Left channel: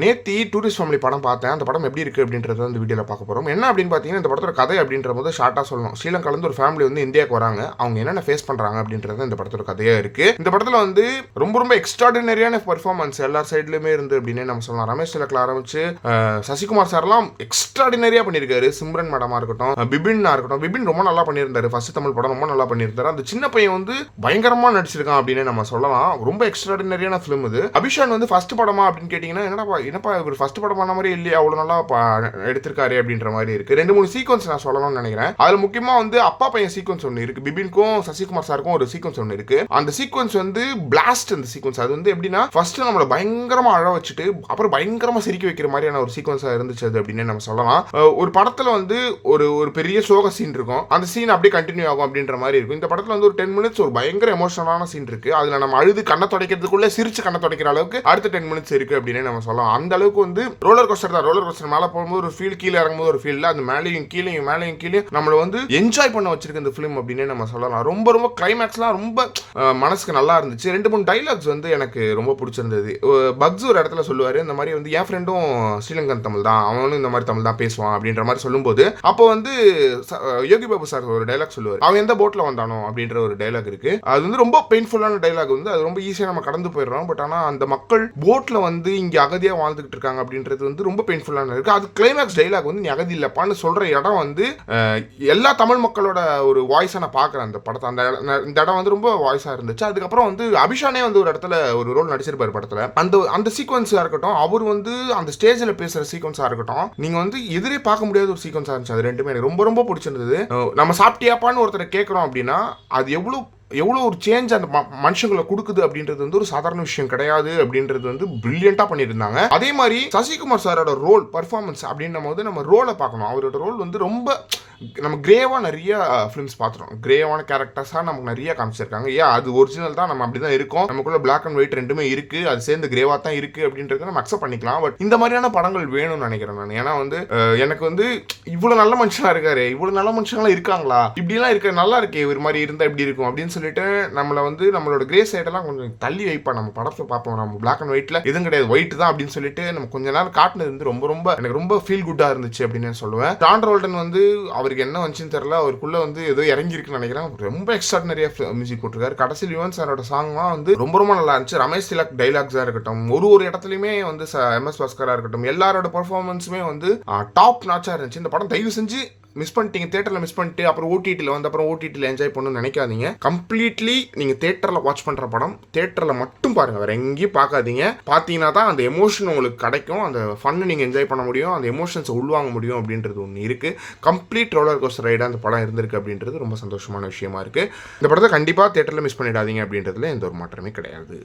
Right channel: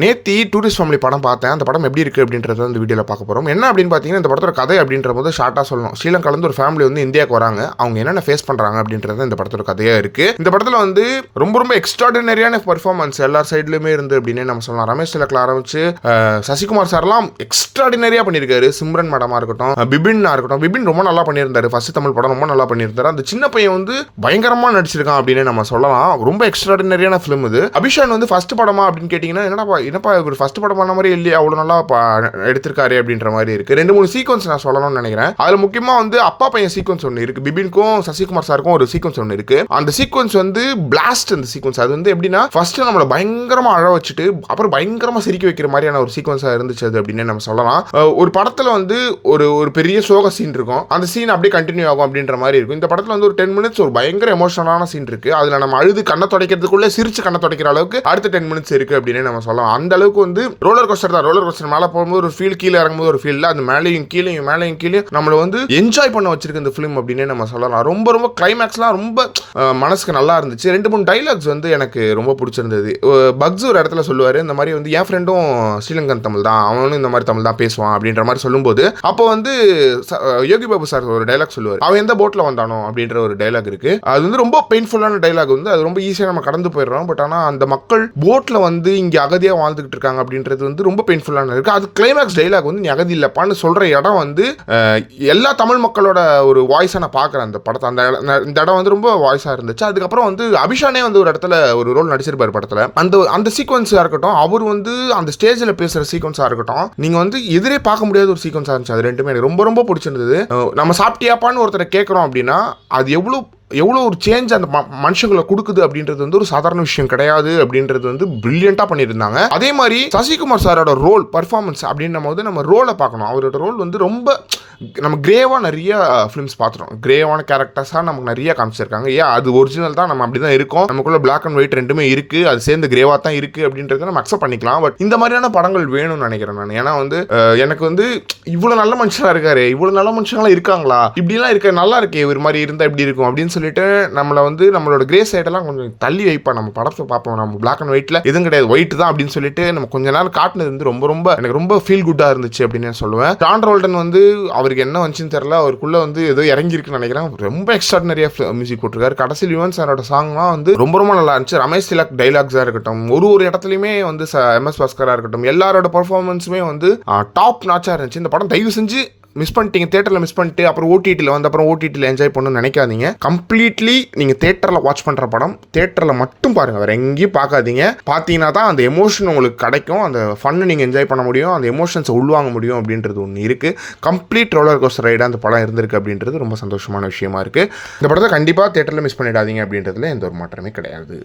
நேத்தி tourist family படம் பார்த்தேன். அந்த படம் எப்படி இருக்குது அப்படின்றத இந்த வீடியோவில் பார்க்க போகிறோம். என்ன அப்படின்னு பார்த்தீங்கன்னா, இந்த படத்தோட கதை அப்படின்ற போது ஷார்ட்டாக சொல்லணும். ஸ்ரீலங்காலேருந்து ஒரு ஃபேமிலி வந்து இந்தியாவுக்கு வராங்க. அவங்க என்னென்ன ஃபேஸ் பண்ணுறாங்க அப்படின்றது இந்த படத்தோட கதையாக இருக்குது. இந்த படத்தில் வந்து ரொம்ப எக்ஸ்ட்ராடினரியான பெர்ஃபார்மன்ஸ் எல்லா சைட்லையுமே இருந்து அப்படின்னு நம்ம சொல்லலாம். ரமேஷ் திலக்கில் ஆரம்பிச்சு சசிகுமார் சார்லாம் எக்ஸ்ட்ராடினரியாக பண்ணியிருக்காரு. சிம்ரன் மேடமாக இருக்கட்டும், பிபின்னா இருக்கட்டும். பிபின் ரொம்ப நல்லா பண்ணியிருந்தாரு. ஃபர்ஸ்ட் தமிழ் படம் ரொம்ப நல்லா பண்ணியிருந்தாரு. அந்த சின்ன பையன் வந்து பயங்கரமாக நடிச்சிருக்கான் அப்படின்னு நம்ம சொல்லலாம். ரொம்ப எக்ஸ்ட்ராடினரியான ஃபிலிம் இது. அபிஷான் வந்து ஃபர்ஸ்ட் படமா அப்படின்னு கேட்டிங்கன்னா, என்னப்பா இவர் ஃபர்ஸ்ட் படம் பண்ண மாதிரி இல்லையா, அவ்வளோ நல்லா எடுத்திருக்காரு அப்படின்ற மாதிரி இருக்கு. 2-3 சீக்வன்ஸ் நான் சொல்லணும்னு நினைக்கிறேன். அதில் முக்கியமாக வந்து அப்பா பையன் சீக்வன்ஸ் ஒன்று இருக்கு. பிபின்க்கும் சசிகுமார் சாருக்கும் ஒரு சீக்வன்ஸ் ஒன்று இருக்கு. அந்த சீக்வன்ஸ் வந்து பிளாஸ்ட். அந்த சீக்வன்ஸ் அது வந்து எப்படின்னா, ஃபர்ஸ்ட் நம்மளை பயங்கரமா அழ வச்சுட்டு அப்புறம் பயங்கரமா சிரிக்க வைக்கிற மாதிரியான ஒரு சீக்வன்ஸா இருந்துச்சு அது அப்படின்னு நம்ம சொல்லலாம். ஒரு படத்துல வந்து ஒரு பெரிய சோக சீன் இருக்கும். அந்த சீன் அப்படியே கண்டினியூ ஆகும் அப்படின்ற மாதிரி இருக்கும். இந்த படத்துல வந்து ஒரு 10 மினிட்ஸ் ஒரு பயங்கர எமோஷனலான சீன் இருக்கு. அதுல நம்ம அழுது கண்ணை துடைக்கிறதுக்குள்ள சிரிச்சு கண்ணை துடைக்கிற அளவுக்கு அடுத்த 10 மினிட்ஸ் இருக்கு அப்படின்னு நம்ம சொல்லலாம். அந்த அளவுக்கு வந்து ரோலர் கோஸ்டர் தான். ரோலர் கோஸ்டர் மேலே போகும்போது ஒரு ஃபீல், கீழே இறங்கும்போது ஒரு ஃபீல், அது மேலேயும் கீழே நம்மளை வந்து என்ஜாய் பண்ண வச்சிருக்கு இந்த ஃபிலிம் அப்படின்னு நம்ம சொல்லலாம். ரொம்ப கிளைமேக்ஸ்லாம் ரொம்ப மனசுக்கு நல்லா இருந்துச்சு. 2-3 டைலாக்ஸ் வந்து எனக்கு ரொம்ப பிடிச்சிருந்தது. பக்ஸ் ஒரு இடத்துல சொல்லுவாரு, இந்த மாதிரி வந்து என் ஃப்ரெண்டும் ஸ்ரீலங்கன் தமிழ் தான், அவனும் இந்த மாதிரி தமிழ் தான் பேசுவான் அப்படின்ற மாதிரி சொல்லும்போது, அப்போ வந்து யோகி பாபு சார் ஒரு டைலாக் சொல்லுவார், அவன் எந்த போட்ல வந்தானோ அப்படின்ற ஒரு டைலாக் இருக்கு. அது வந்து ரொம்ப பெயின்ஃபுல்லான டைலாக். வந்து அது ரொம்ப ஈஸியாக நம்ம கடந்து போயிடுறோம். பட் ஆனால் அந்த மக்கள் போட்ல வந்து இங்கே அகதியாக வாழ்ந்துகிட்டு இருக்காங்க அப்படின்றது வந்து ரொம்ப பெயின்ஃபுல்லான இருக்கு. அது கிளைமேக்ஸ் டைலாக் வந்து நீ அகதி இல்லப்பான்னு சொல்ற இடம் வந்து எல்லா தமிழ் மக்களோட ஒரு வாய்ஸை நான் பார்க்குறேன் அந்த படத்தை. இந்த இடம் வந்து ரொம்ப வாய்ஸாக இருந்துச்சு. அதுக்கப்புறம் வந்து அபிஷானே வந்து ஒரு இடத்துல ஒரு ரோல் நடிச்சிருப்பாரு படத்தில். அந்த சீக்வன்ஸாக இருக்கட்டும், அவர் வந்து அந்த ஸ்டேஜில் பேசுகிற சீக்வன்ஸாக இருக்கட்டும், நீங்கள் வந்து எதிரே பார்க்க முடியாத ஒரு சீக்வன்ஸாக இருந்துச்சு. அது ரெண்டுமே எனக்கு ரொம்ப பிடிச்சிருந்தது. நம்ம சாப்பிட்டியாப்பான்னு ஒருத்தரை கேட்குறோம் அப்படின்னா அது எவ்வளோ ஒரு சேஞ்ச் அந்த மனுஷங்களை கொடுக்குது அப்படின்றது வந்து ஒரு சாதாரண விஷயம் கிடையாது அப்படின்றது வந்து பிரில்லியண்டா பண்ணியிருந்தாங்க. அதே மாதிரி சசிகுமார் சாரோட ரோல் பர்ஃபார்மன்ஸ் அப்படின்ற போது நம்ம ரோலை பார்க்கணும். அவரோட ரோல் வந்து ரொம்ப நம்ம கிரேவாக நிறைய ஃபிலிம்ஸ் பார்த்துட்டோம். கிரேவான கேரக்டர்ஸாக நமக்கு நிறைய காமிச்சிருக்காங்க. அது ஒரிஜினல் தான், நம்ம அப்படி தான் இருக்கோம், நமக்குள்ள பிளாக் அண்ட் ஒயிட் ரெண்டுமே இருக்குது, அது சேர்ந்து கிரேவாக தான் இருக்குது அப்படின்றத நம்ம அக்செப்ட் பண்ணிக்கலாம். பட் இந்த மாதிரியான படங்கள் வேணும்னு நினைக்கிறேன் நான். ஏன்னா வந்து எனக்கு வந்து இவ்வளோ நல்ல மனுஷனாக இருக்காரு, இவ்வளோ நல்ல மனுஷங்களாம் இருக்காங்களா, இப்படிலாம் இருக்க நல்லா இருக்கே, ஒரு மாதிரி இருந்தால் எப்படி இருக்கும் அப்படின்னு சொல்லிட்டு நம்மளை வந்து நம்மளோட கிரே சைடெல்லாம் கொஞ்சம் தள்ளி வைப்போம். நம்ம படத்தை பார்ப்போம், நம்ம பிளாக் அண்ட் ஒயிட்டில் எதுவும் கிடையாது, ஒயிட் தான் அப்படின்னு சொல்லிட்டு நம்ம கொஞ்ச நேரம் காட்டினது வந்து எனக்கு ரொம்ப ஃபீல் குட்டாக இருந்துச்சு அப்படின்னு நான் சொல்லுவேன். ஜான் ரோல்டன் வந்து அவருக்கு என்ன வந்துச்சுன்னு தெரியல, அவருக்குள்ள வந்து ஏதோ இறங்கியிருக்குன்னு நினைக்கிறேன். ரொம்ப எக்ஸ்ட்ராடினரியாக மியூசிக் போட்டிருக்காரு. கடைசி யுவன் சாரோட சாங்லாம் வந்து ரொம்ப நல்லா இருந்துச்சு. ரமேஷ் திலக் டைலாக்ஸாக இருக்கட்டும், ஒரு இடத்துலையுமே வந்து MS பாஸ்கராக இருக்கட்டும், எல்லாரோட பர்ஃபார்மன்ஸுமே வந்து டாப் நாச்சாக இருந்துச்சு. இந்த படம் தயவு செஞ்சு மிஸ் பண்ணிட்டீங்க, தேட்டரில் மிஸ் பண்ணிட்டு அப்புறம் ஓடிடியில் வந்து அப்புறம் ஓடிடியில் என்ஜாய் பண்ணணும்னு நினைக்காதீங்க. கம்ப்ளீட்லி நீங்கள் தேட்டரில் வாட்ச் பண்ணுற படம் தேட்டரில் மட்டும் பாருங்கள், வேறு எங்கேயும் பார்க்காதீங்க. பார்த்தீங்கன்னா தான் அந்த எமோஷன் உங்களுக்கு கிடைக்கும், அந்த ஃபன்னு நீங்கள் என்ஜாய் பண்ண முடியும், அந்த எமோஷன்ஸை உள்வாங்க முடியும் அப்படின்றது ஒன்று இருக்குது. கம்ப்ளீட் ரோலர் கோஸ்டர் ரைடாக அந்த படம் இருந்திருக்கு அப்படின்றது ரொம்ப சந்தோஷமான விஷயமா இருக்குது. இந்த படத்தை கண்டிப்பாக தேட்டரில் மிஸ் பண்ணிடாதீங்க அப்படின்றதுல எந்த ஒரு மாற்றமே கிடையாது.